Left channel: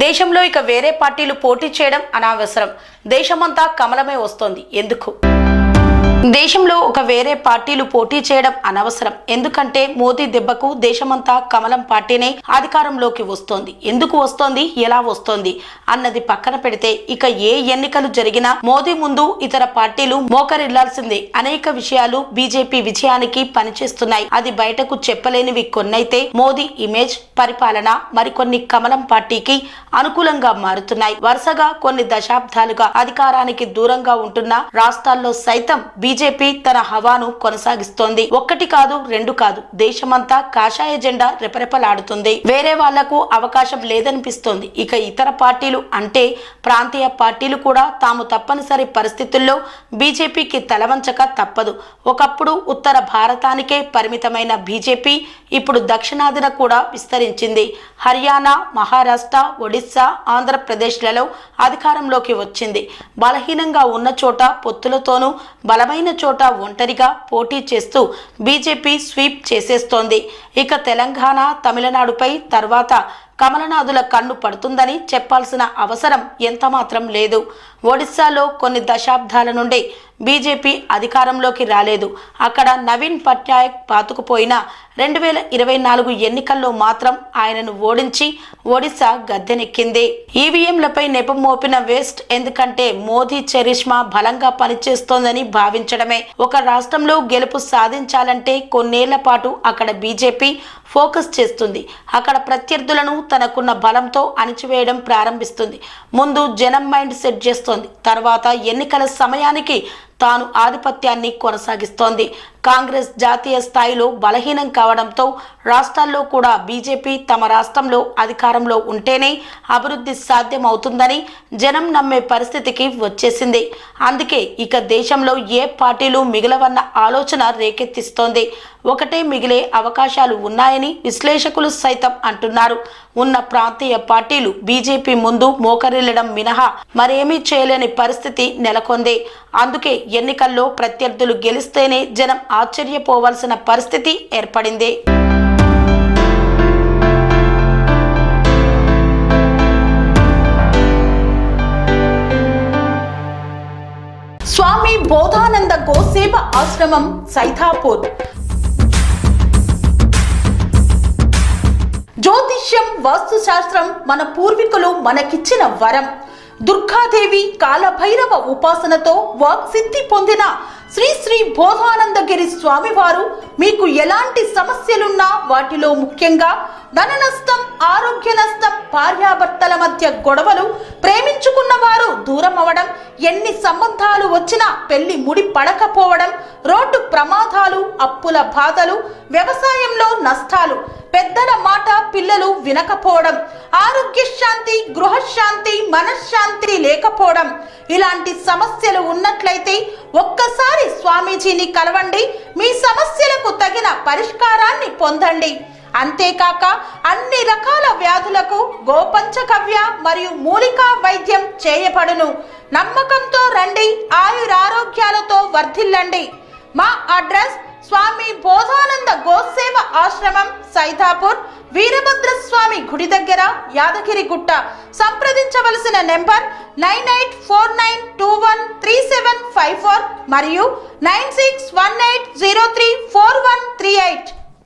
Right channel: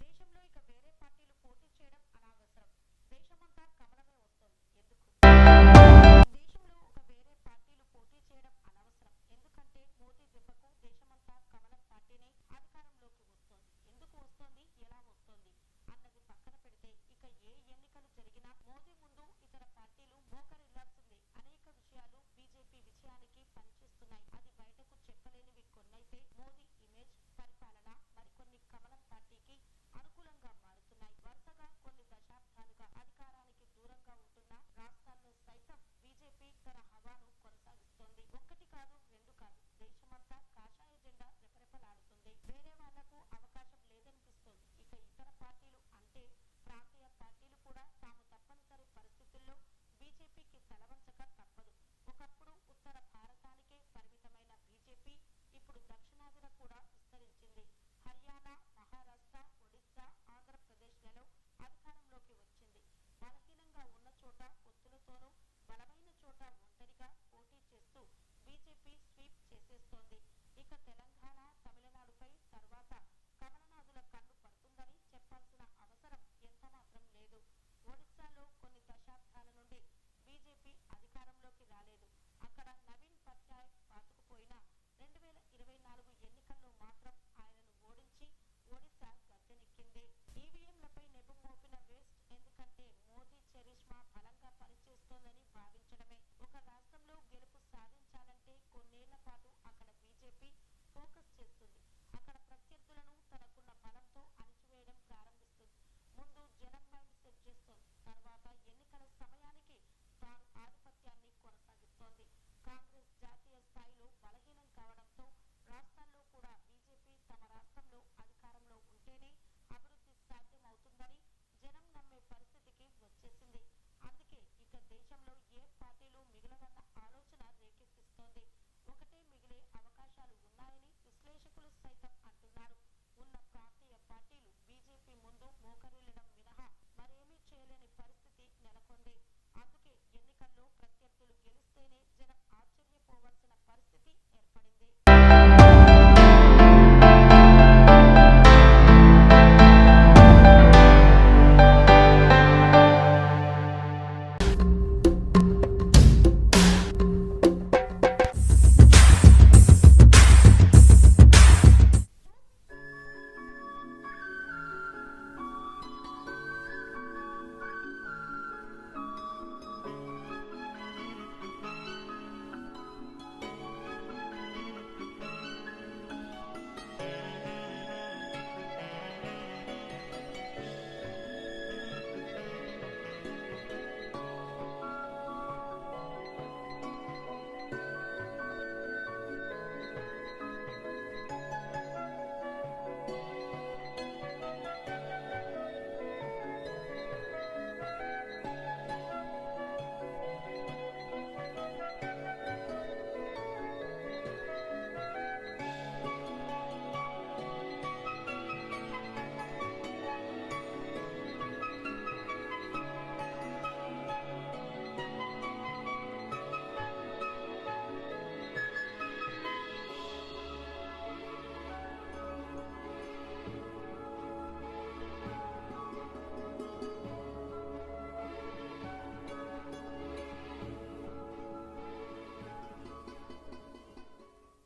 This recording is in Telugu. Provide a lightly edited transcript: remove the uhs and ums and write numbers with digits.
దేశంలో ఇక వేరే పార్టీలు పోటీ చేయడం అనవసరం. దేశమంతా కమలమే వస్తోంది. ఎందుకు? దేశంలో ఒక వేరే పార్టీలు పోటీ చేయడం అనవసరం. ఎందుకంటే మోదీ దెబ్బకు దేశమంతా కమలం పార్టీనే అధికారంలోకి వస్తోంది. ఎందుకు వస్తోంది, ఎలా వస్తోంది అన్నది పక్కన పెడితే ఇక ఏ ఎన్నికలు జరిగినా మోదీ ముందు ఇతర పార్టీలు మోకరిల్లాల్సిందే. అనేక విషయాలు బీజేపీ విజయానికి పనిచేస్తున్నాయి. అది బయటకు చెప్పలేనివి కొన్నైతే మోదీ ఇమేజ్, పరిపాలన మరికొన్ని కమలం పార్టీకి అనుకూలంగా మారుతున్నాయి. వరుసగా కొన్ని దశాబ్దాలుగా అధికారానికి దూరంగా ఉంటున్న రాష్ట్రాల్లో సైతం బీజేపీ తన హవాను కొనసాగిస్తోంది. ఒక్కటి కాదు, రెండు కాదు, దేశమంతా కాషాయ జెండా రెపరెపలాడుతుంది. వేరే వాళ్లకు అవకాశం లేదనిపిస్తోంది. ఇక ఇతర పార్టీలు అంటే ప్రాంతీయ పార్టీలు కూడా తాము తప్పనిసరి పరిస్థితుల్లో బీజేపీకి తలవంచక తప్పదు. ఒకప్పుడు ఉత్తర భారతానికే పరిమితమైన బీజేపీ ఇప్పుడు దక్షిణాదిన కూడా విస్తరించింది. హర్యానా, మహారాష్ట్ర, ఒడిశా, ఆంధ్రప్రదేశ్లలో అధికారంలోకి వచ్చింది. బలహీనంగా ఉన్న చోట పొత్తులతోనూ, బలమైన చోట ఒంటరిగా పోటీ చేస్తూ బీజేపీ స్వీప్ చేసేస్తోంది. ఇక తెలంగాణ, తమిళనాడుపై తర్వాత కమలనాథుల కన్ను పడుతుందని చెప్పాల్సిన అవసరం ఎంతమాత్రం లేదు. ఒడిశాలో కొన్ని దశాబ్దాల నుండి బీజేపీ అధికారంలోకి రాలేదు. అక్కడ నవీన్ పట్నాయక్ పాతుకుపోయిన 2024 ఎన్నికల్లో మాత్రం ఆయనను ఓడించి ఒడిశా గద్దెనెక్కింది. ఈవీఎంలపై నెపం మోపిన వేస్ట్. ఎందుకంటే మోదీ చరిష్మా బలంగా పనిచేస్తోందని భావించడమే. ఒక రాష్ట్రంలో గెలుపు సాధించాలంటే కొన్నేళ్ల పాటు అక్కడ బీజేపీ ఫోకస్ చేస్తుంది. అక్కడ ప్రత్యర్థులను తనకున్న బలంతో అణిచివేయడం ప్రారంభిస్తుంది. ముందు జనం మైండ్ సెట్ చేస్తోంది. తర్వాత ఎన్నికల సమయానికి తాను ఆధిపత్యాన్ని కొనసాగిస్తోంది. కాంగ్రెస్ జాతీయ స్థాయిలో బలహీనం కావడంతో రాష్ట్రాల్లో కూడా బీజేపీ తమ రాష్ట్రంలో అధికారంలో ఉంటేనే అభివృద్ధి సాధ్యమవుతుందని జనం నమ్మే పరిస్థితికి వచ్చేసింది. అందుకే ఇక దేశంలో ఏ పార్టీలు మిగలవన్న ఆలోచన రేకెత్తిస్తోంది. ఒకటే మిగిలే అవకాశాలు ఉన్నాయని విశ్లేషకులు సైతం అంటున్నారు. ఉన్న ప్రాంతీయ పార్టీలు బీజేపీ ముందు మోకరిల్లడం మినహా మరేమీ చేయలేని పరిస్థితి నెలకొంది. అందుకే ఎన్నికల్లో ప్రత్యర్థులు గెలిస్తేనే జనం ఆశ్చర్యపోవాల్సిన పరిస్థితి ఏర్పడింది. స్వామి బోధానంద గోసేవ ఆశ్రమం, సైథాపూర్. జ్యోతిష్యం, వాస్తుశాస్త్రం మన పూర్వీకులు మనకిచ్చిన వరం. దుర్గాదేవి, కాలభైరవ ఉపాసనతో వాక్సిద్ధి పొందిన శ్రీ శ్రీ బోధానందగిరి స్వామివారు మీకు ఎలాంటి సమస్యలున్నా, వాటిలో ముఖ్యంగా ధన నష్టం, ఆరోగ్య నష్టం, భార్యాభర్తల మధ్య గొడవలు, ప్రేమించుకున్న వారు దూరం అవడం, ఎన్ని సంబంధాలు వచ్చినా పెళ్లి ముడి పడకపోవడం, రోడ్డు ప్రమాదాలు, అప్పుల బాధలు, వ్యవసాయంలో నష్టాలు, పెద్దల మాట పిల్లలు వినకపోవడం, ఆరోగ్య శాంతి, గృహశాంతి, మనశ్శాంతి లేకపోవడం, ఇలాంటి సమస్యలు ఉన్నట్లయితే ఒక్కసారి స్వామీజీని కలవండి. మీ సమస్యలకు తగిన పరిష్కారాన్ని పొందండి. అంతేకాక అన్ని రకాల వ్యాధులకు గోపంచకవ్య మరియు మూలికా వైద్యం చేయబడును. నమ్మకంతో రండి, ఆయురారోగ్యాలతో వర్ధిల్లండి. మా అడ్రస్ స్వామి బోధానంద గోసేవ ఆశ్రమం, సైథాపూర్, వీరభద్రస్వామి గుడి దగ్గర, యాదగిరిగుట్ట. సంప్రదించవలసిన నెంబర్ 9849213754 మరియు 9618034138.